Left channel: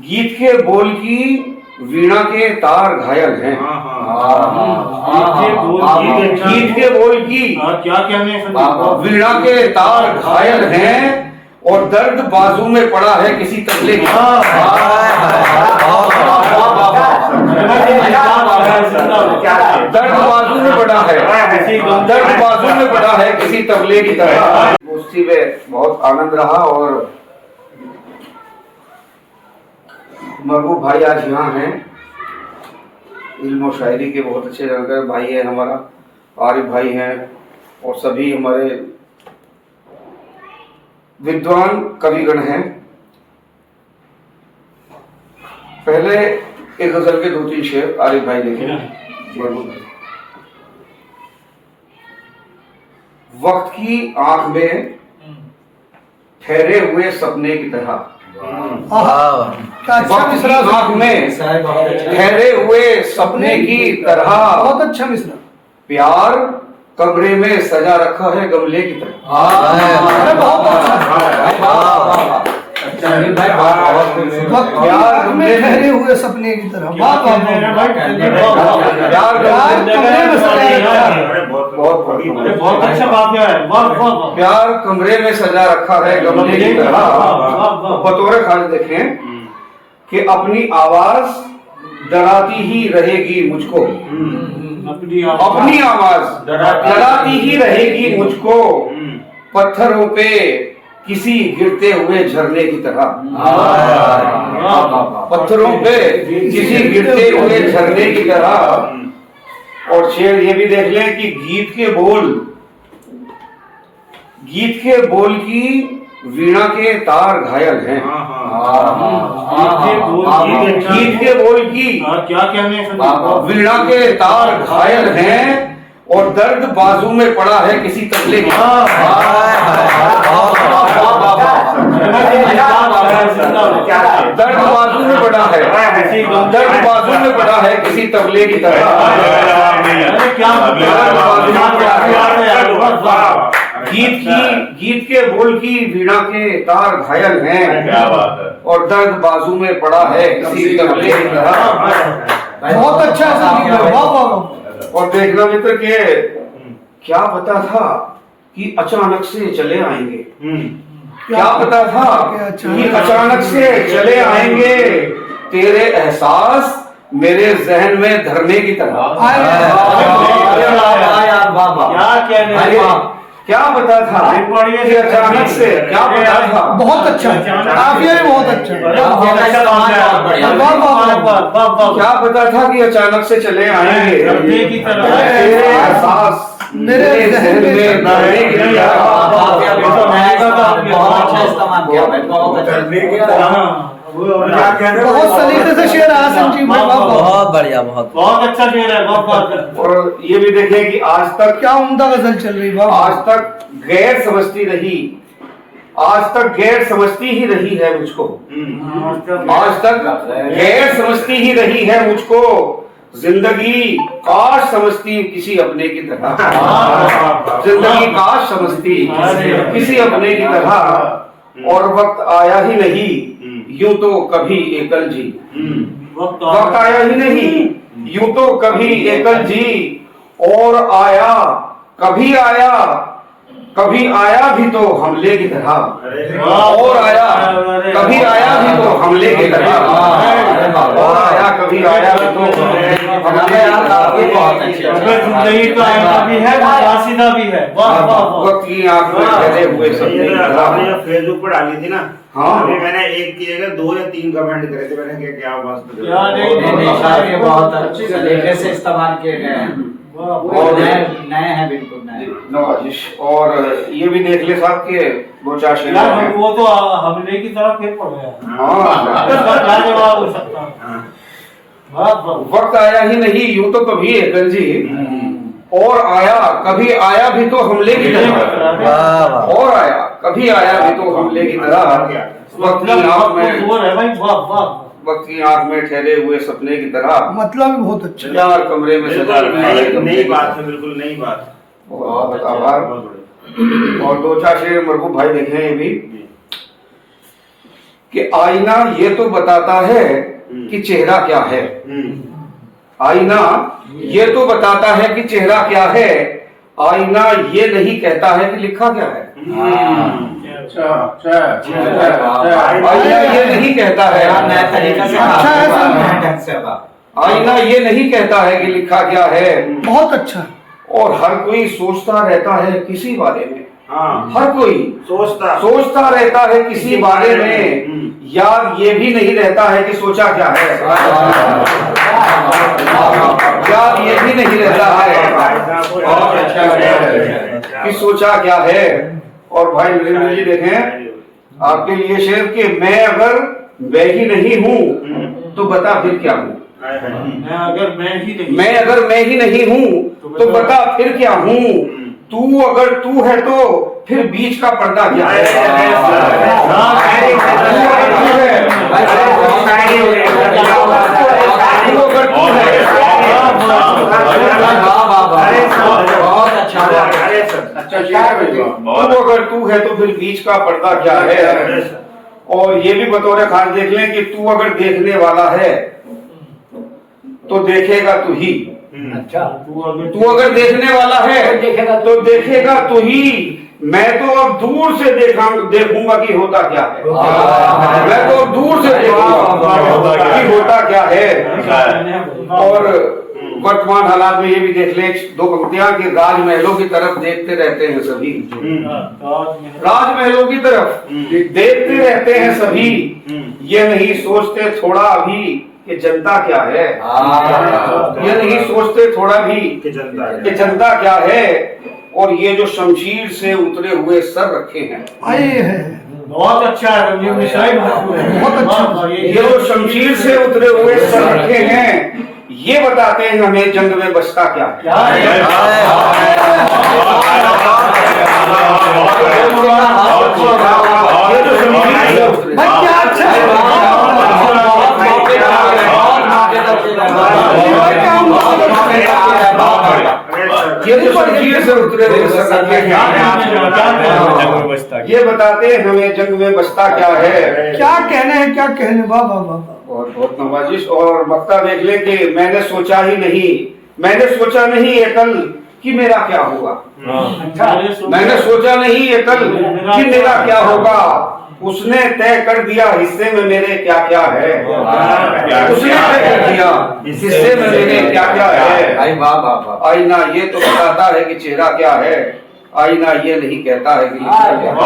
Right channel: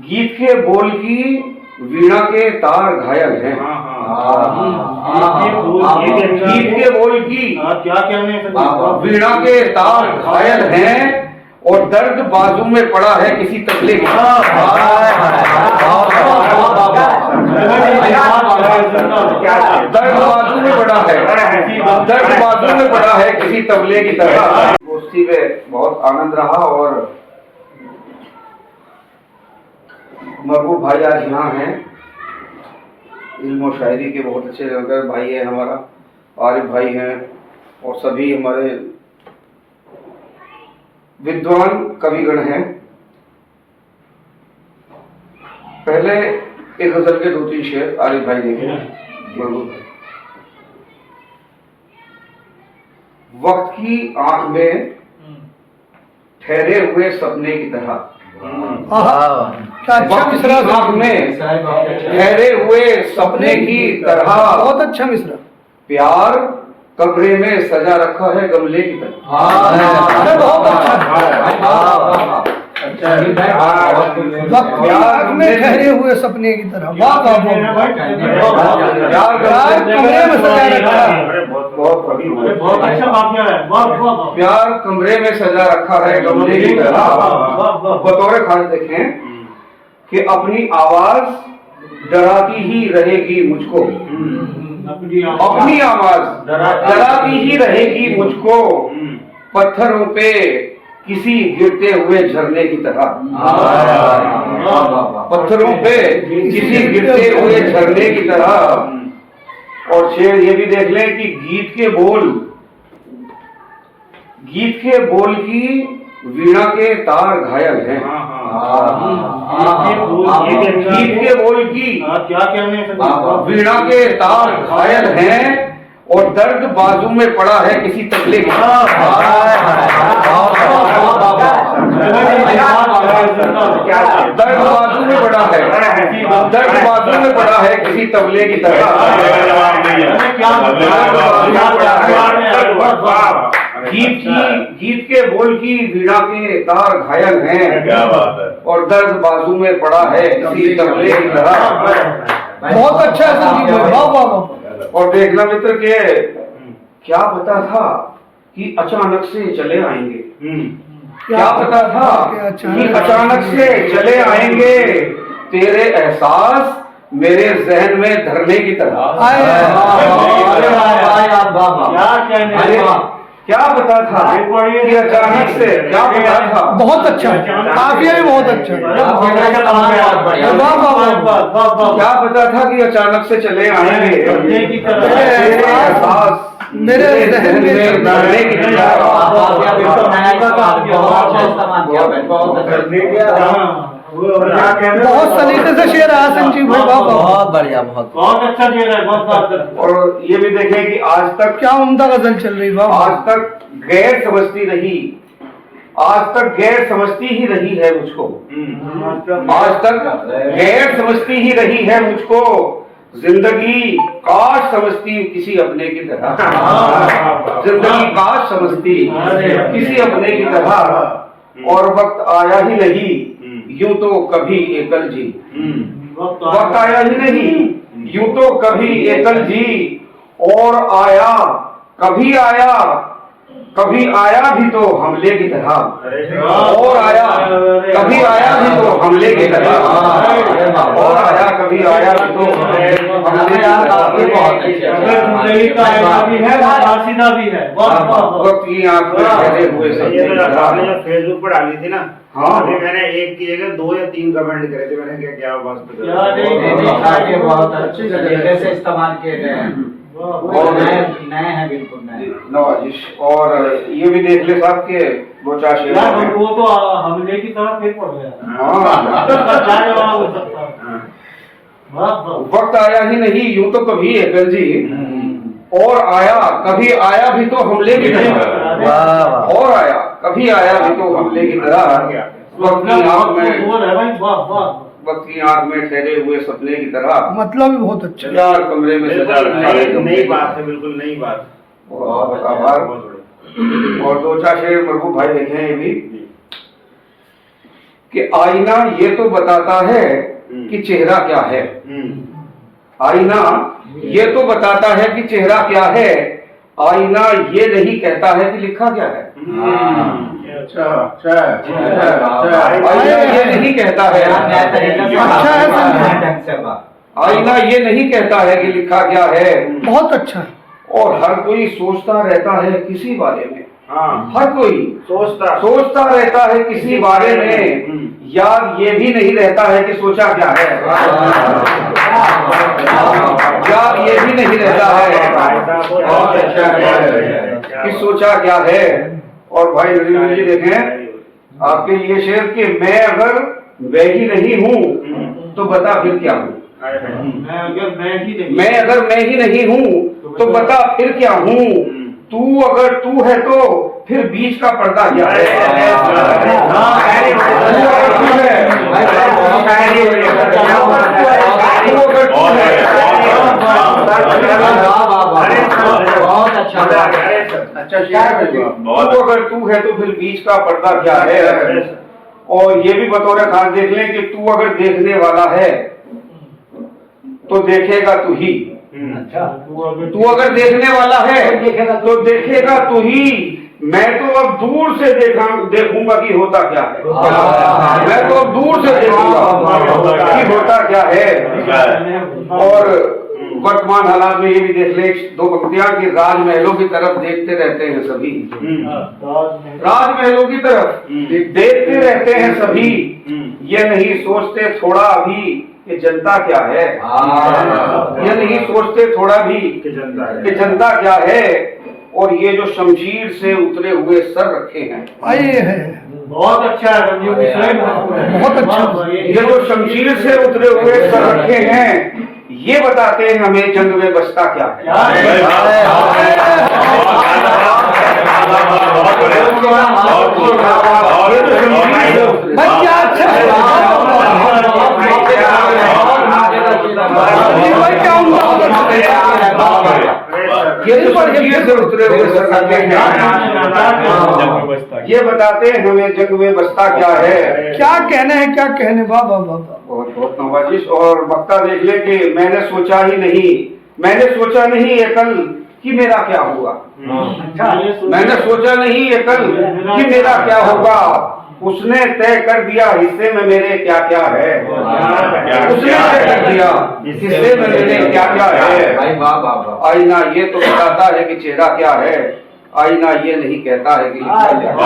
गीत के बोल की वीणा के तार घायल हैं। गीत के बोल की वीणा के तार घायल हैं और दर्द बाजू में पड़ा है किसी तबले की। दर्द बाजू में पड़ा है, दर्द बाजू में पड़ा है किसी तबले की तरह। गोष्ठी में बहुत आनंद रहा और महबूब भाई आज यहाँ हैं। इल्म और शायरी के बहुत अच्छे जानकार भाई हैं, हमारा आरिफ भाई हैं और सभी हमारे विद्वान कविगण हैं। पहले एक गजल के 2-3 शेर आरिफ भाई देखें। वक्त की आंख में ठहरे हुए सपने की तरह, वक्त की आंख में ठहरे हुए सपने की तरह, बहुत अच्छा मिश्रा। प्यार कमरे में सजा रखा है गमले की तरह। प्यार में ठहरे हुए सपने की तरह, प्यार कमरे में सजा रखा है गमले की तरह। बतौर खास देखें कि अपनी आवाज डराती ही रहेगी मुझको, अपनी आवाज डराती ही रहेगी मुझको, पत्थरों पे किसी गिरते हुए झरने की तरह। पत्थरों पे किसी गिरते हुए झरने की तरह। और शेर ये भी देख लें कि गीत के बोल की वीणा के तार घायल हैं। गीत के बोल की वीणा के तार घायल हैं और दर्द बाजू में पड़ा है किसी तबले की। दर्द बाजू में पड़ा है, दर्द बाजू में पड़ा है किसी तबले की तरह। गीत के बोल की वीणा के तार घायल हैं और दर्द बाजू में पड़ा है किसी तबले की तरह। बहुत अच्छा। और देखना मित्र के क्या पता था कि अचानक से चले आएंगे, क्या पता था कि अचानक से चले आएंगे, तेरे एहसास मेरे जहन में धरने की तरह। क्या पता था कि अचानक से, क्या पता था। बहुत अच्छा, काफी बहुत अच्छा। क्या पता था कि अचानक से चले आएंगे, तेरे एहसास मेरे जहन में धरने की तरह। बहुत सलीके से शेर आया संजीव भाई, बहुत बढ़िया, बहुत अच्छा शेर है, बहुत। और ये भी देखें कि आज तक क्या उम्दा गजल चल रही है। आज तक गैर समझती रही, आज तक गैर समझती ही रही है मुझको, आज तक गैर समझती ही रही है मुझको, जिंदगी काश समझती किसी अपने की तरह। जिंदगी काश समझती किसी अपने की तरह। और वक्त आया ही नहीं यूं तो कभी एकल जी, वक्त आया ही नहीं यूं तो कभी एकल जी, और आया कभी आया भी तो हमले की तरह, और आया कभी आया भी तो हमले की तरह, और आया कभी आया भी तो हमले की वक्त की आंख में ठहरे हुए आपने जो फेसबुक पर डाली थी ना, हाँ अभी मैंने एक की जगह 2 या 3 कमेंट करे थे। मैंने क्या मस्त बहुत अच्छे तरीके से इस्तेमाल किए गए हैं और नए हैं, बिल्कुल नए नवाजिश। और ये भी देख ले साहब के 2-4 शेर, वो तो हमले की तरह फिर पड़ गया। वक्त आया ही नहीं यूं तो कभी एकल जी, और आया कभी आया भी तो हमले की तरह, और आया कभी आया भी तो हमले की तरह। वक्त की आंख में ठहरे हुए सपने की तरह। मतलब भी बहुत अच्छा। यार कमरे में नई बात है, बिल्कुल नई बात। बहुत आभार। और 2-4 शेर मरहूम भाई देखे हैं ये भी कि आईना ये तो बताता है कि चेहरा क्या है। आईना ये तो बताता है कि चेहरा क्या है, आईना ये नहीं कहता है कि लिखा क्या है। आईना ये नहीं कहता है, नया तरीका से नया ढंग से बात। आईना ये नहीं कहता है कि लिखा क्या है। बहुत अच्छा। और हर कोई सोचता रहता है किसी बारे में, हाँ हर कोई सोचता रहता है किसी बारे में, याद ये भी नहीं रहता है कि सोचा क्या है। याद ये भी नहीं रहता है कि सोचा क्या है। और भाई नरेंद्र जी देखें आपके लिए शेर कि मैं अगर मैं ही नहीं हूँ तो बता फिर क्या हूँ। मैं अगर मैं ही नहीं हूँ तो बता फिर क्या हूँ। तू अगर तू है तो फिर बीच का पर्दा क्या है। तू अगर तू है बहुत अच्छा तू अगर तू है तो फिर बीच का पर्दा क्या है। और ये भी बतौर खास देख लें कि तू अगर देखने वाला है तो देखेगा तू ही। अच्छा तू अगर देखने वाला है तो देखेगा तू ही। मैं तो अब दूर से देखूंगा कि होता क्या है। मैं तो अब दूर से देखूंगा कि होता क्या है। और वर्तमान हालात में ये भी देख ले दो पंक्तियां कि राजमहलों की तरफ देखते रहते हैं सभी। राजमहलों की तरफ देखते रहते हैं सभी, ये नहीं सोचते थोड़ा भी कि जनता क्या है। ये नहीं सोचते थोड़ा भी कि जनता क्या है। और ये जो शमशीर से उतरे हुए सर रखे हैं, आइए है बहुत अच्छा है रंजीत मिश्रा, बहुत अच्छा। ये जो शमशीर से उतरे हुए सर रखे हैं, ये बताते हैं हमें जंग में बचता क्या है। ये जो शमशीर से उतरे ये जो शमशीर से उतरे हुए सर रखे हैं, ये बताते हैं हमें जंग में बचता क्या है। क्या कहने हैं, क्या कहने। वाह वाह वाह वाह। बहुत बहुत नवाजिश। और वक्ता देख ले कि मैंने सोचा नहीं ये कल कि मेरा क्या होगा। मैंने सोचा नहीं ये कल कि मेरा क्या होगा। उसने तय कर दिया हिस्से में मेरे क्या क्या है। उसने तय कर दिया हिस्से में मेरे क्या क्या है। आईना ये तो बताता है कि चेहरा क्या है, आईना ये नहीं कहता है कि लिखा क्या है।